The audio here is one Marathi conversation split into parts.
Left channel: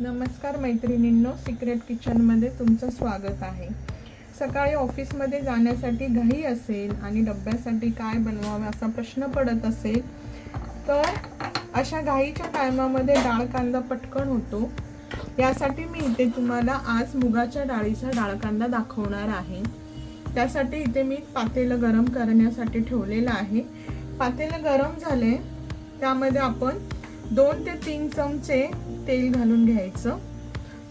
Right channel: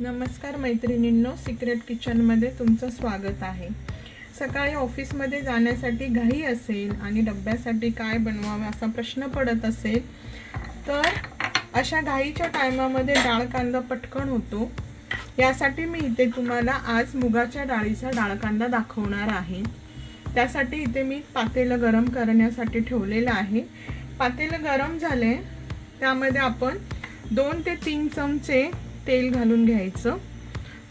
नमस्कार मैत्रिणींनो, सिक्रेट किचन मध्ये तुमचं स्वागत आहे। सकाळी ऑफिस मध्ये जाण्यासाठी घाई असेल आणि डब्यासाठी काय बनवावे असा प्रश्न पडत असेल तर अशा घाईच्या टाइमामध्ये डाळ कांदा पटकन होतो। यासाठी मी इथे तुम्हाला आज मुगाच्या डाळीचा डाळ कांदा दाखवणार आहे। त्यासाठी इथे मी पातेलं गरम करण्यासाठी ठेवलेलं आहे। पातेलं गरम झाले त्यामध्ये आपण 2 ते 3 चमचे तेल घालून घ्यायचं।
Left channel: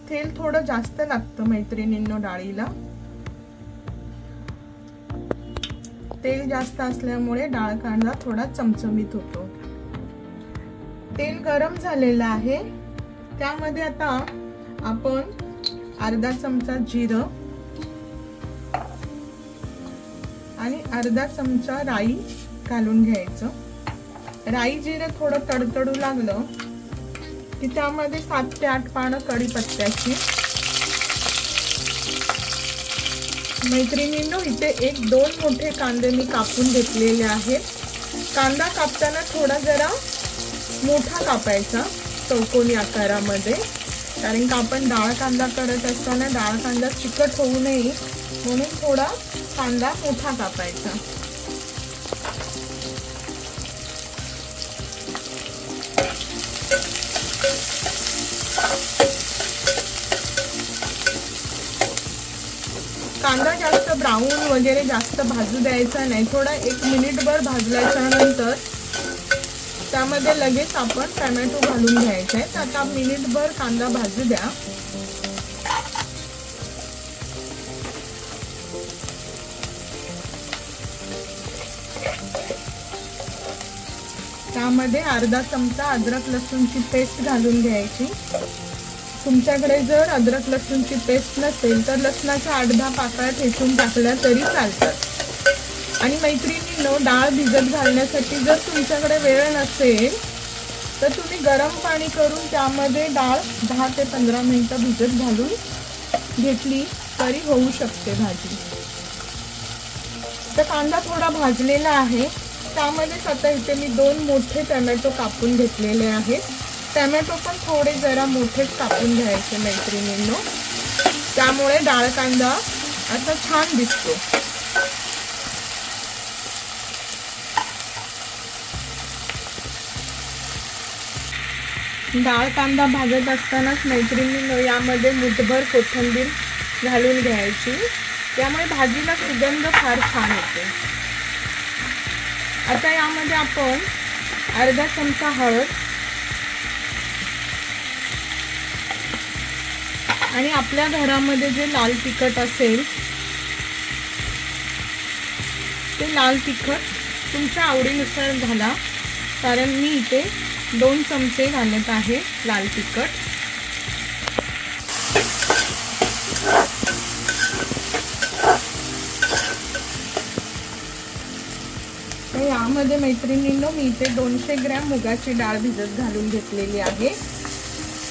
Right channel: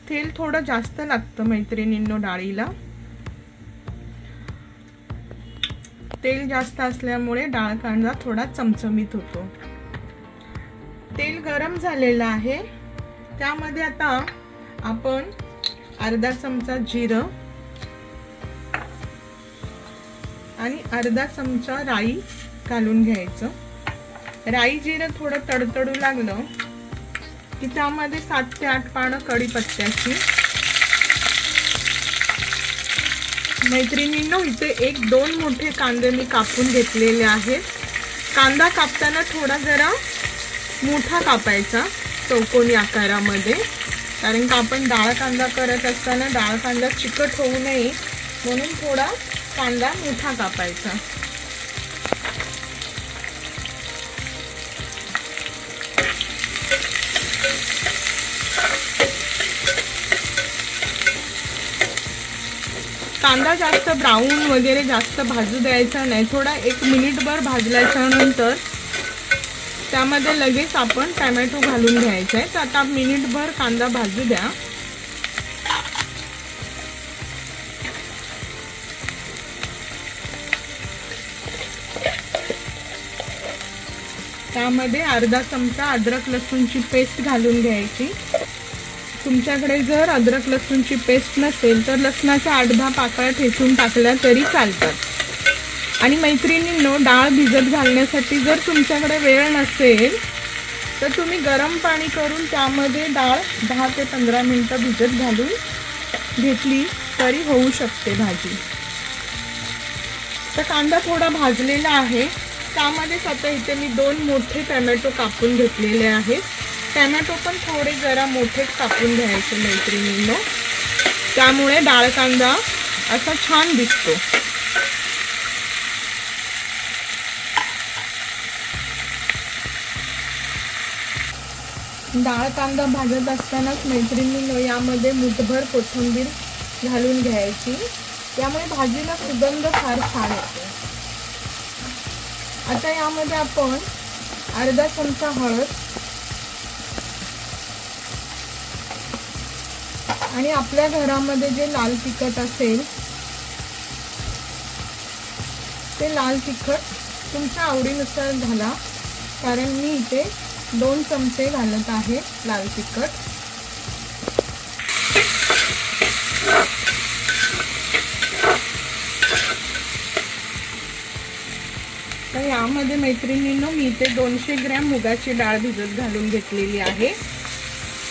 तेल थोडं जास्त लागतं मैत्रिणींनो डाळीला। तेल जास्त असल्यामुळे डाळ कांदा थोडा चमचमीत होतो। तेल गरम झालेलं आहे, त्यामध्ये आता आपण अर्धा चमचा जिरं आणि अर्धा चमचा राई घालून घ्यायचं। राई जिरं थोडं तडतडू लागलं की त्यामध्ये 7 ते 8 पानं कढीपत्त्याची। मैत्रिणींनो, इथे 1-2 मोठे कांदे मी कापून घेतलेले आहेत। कांदा कापताना थोडा जरा मोठा कापायचा चौकोनी आकारामध्ये, कारण का आपण डाळ कांदा करत असताना डाळ कांदा चिकट होऊ नये म्हणून थोडा कांदा मोठा कापायचा। कांदा जास्त ब्राऊन वगैरे जास्त भाजू द्यायचा नाही। थोडा 1 मिनिटभर भाजल्याच्या नंतर त्यामध्ये लगेच आपण टोमॅटो घालून घ्यायचे। तर आता मिनिटभर कांदा भाजू द्या। त्यामध्ये अर्धा चमचा अद्रक लसूणची पेस्ट घालून घ्यायची। तुमच्याकडे जर अद्रक लसूणची पेस्ट नसेल तर लसणाच्या 8-10 पाकळ्या ठेचून टाकल्या तरी चालतात। आणि मैत्रिणींनो, डाळ भिजत घालण्यासाठी जर तुमच्याकडे वेळ नसेल तर तुम्ही गरम पाणी करून त्यामध्ये डाळ 10 ते 15 मिनिटं भिजत घालून घेतली तरी होऊ शकते भाजी। तर कांदा थोडा भाजलेला आहे, त्यामध्ये आता इथे मी 2 मोठे टोमॅटो कापून घेतलेले आहेत। टोमॅटो पण थोडे जरा मोठेच कापून घ्यायचे मैत्रिणींनो, त्यामुळे डाळ कांदा असा छान दिसतो। डाळ कांदा भाजत असतानाच मैत्रिणींनो यामध्ये मुठभर कोथिंबीर घालून घ्यायची, त्यामुळे भाजीला सुगंध फार छान येतो। आता यामध्ये आपण अर्धा चमचा हळद आणि आपल्या घरामध्ये जे लाल तिखट असेल ते लाल तिखट तुमच्या आवडीनुसार घाला, कारण मी इथे 2 चमचे घालत आहे लाल तिखट। तर यामध्ये मैत्रिणींनो मी इथे 200 ग्रॅम मुगाची डाळ भिजत घालून घेतलेली आहे,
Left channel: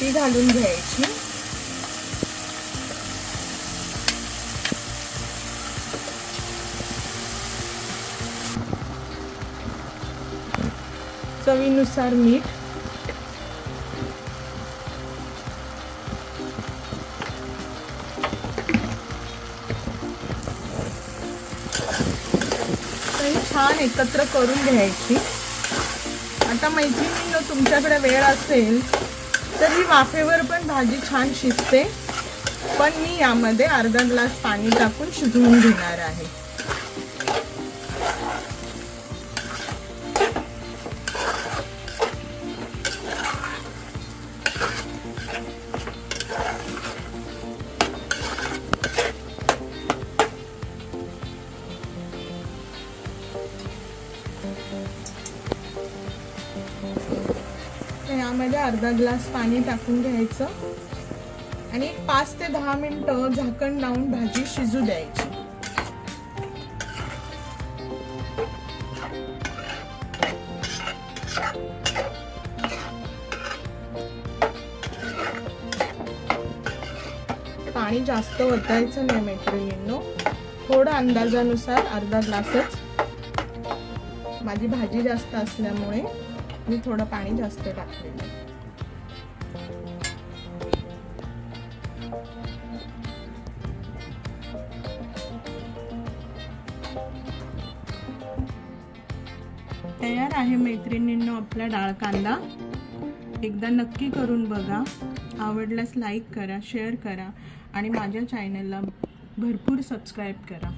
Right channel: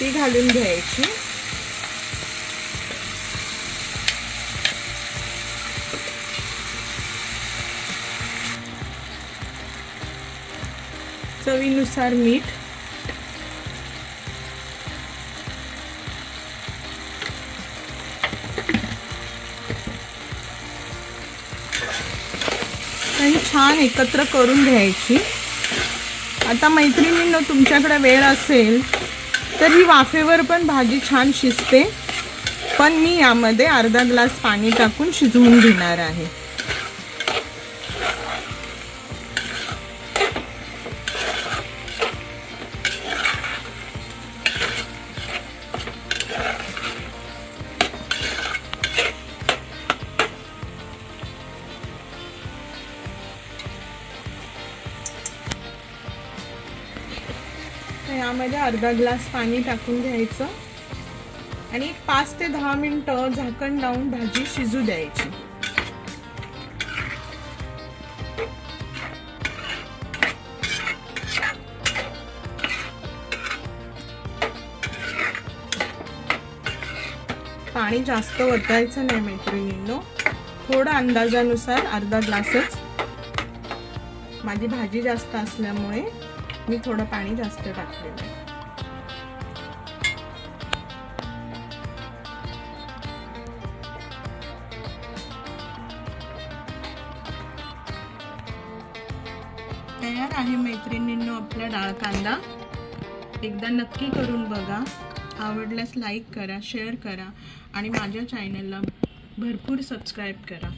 ती घालून घ्यायची। चवीनुसार मीठ, आणि छान एकत्र करून घ्यायची। आता मैत्रिणींनो, तुमच्याकडे वेळ असेल तर ही वाफेवर पण भाजी छान शिजते, पण मी यामध्ये अर्धा ग्लास पाणी टाकून शिजवून घेणार आहे। यामध्ये अर्धा ग्लास पाणी टाकून घ्यायचं आणि 5 ते 10 मिनिटं झाकण लावून भाजी शिजू द्यायची। पाणी जास्त ओतायचं नाही मैत्रिणींनो, थोडं अंदाजानुसार अर्धा ग्लासच। माझी भाजी जास्त असल्यामुळे मी थोडं पाणी जास्त टाकले। तयार आहे मैत्रिणींनो आपला डाळ कांदा। एकदा नक्की करून बघा, आवडल्यास लाईक करा, शेअर करा आणि माझ्या चॅनलला भरपूर सबस्क्राईब करा।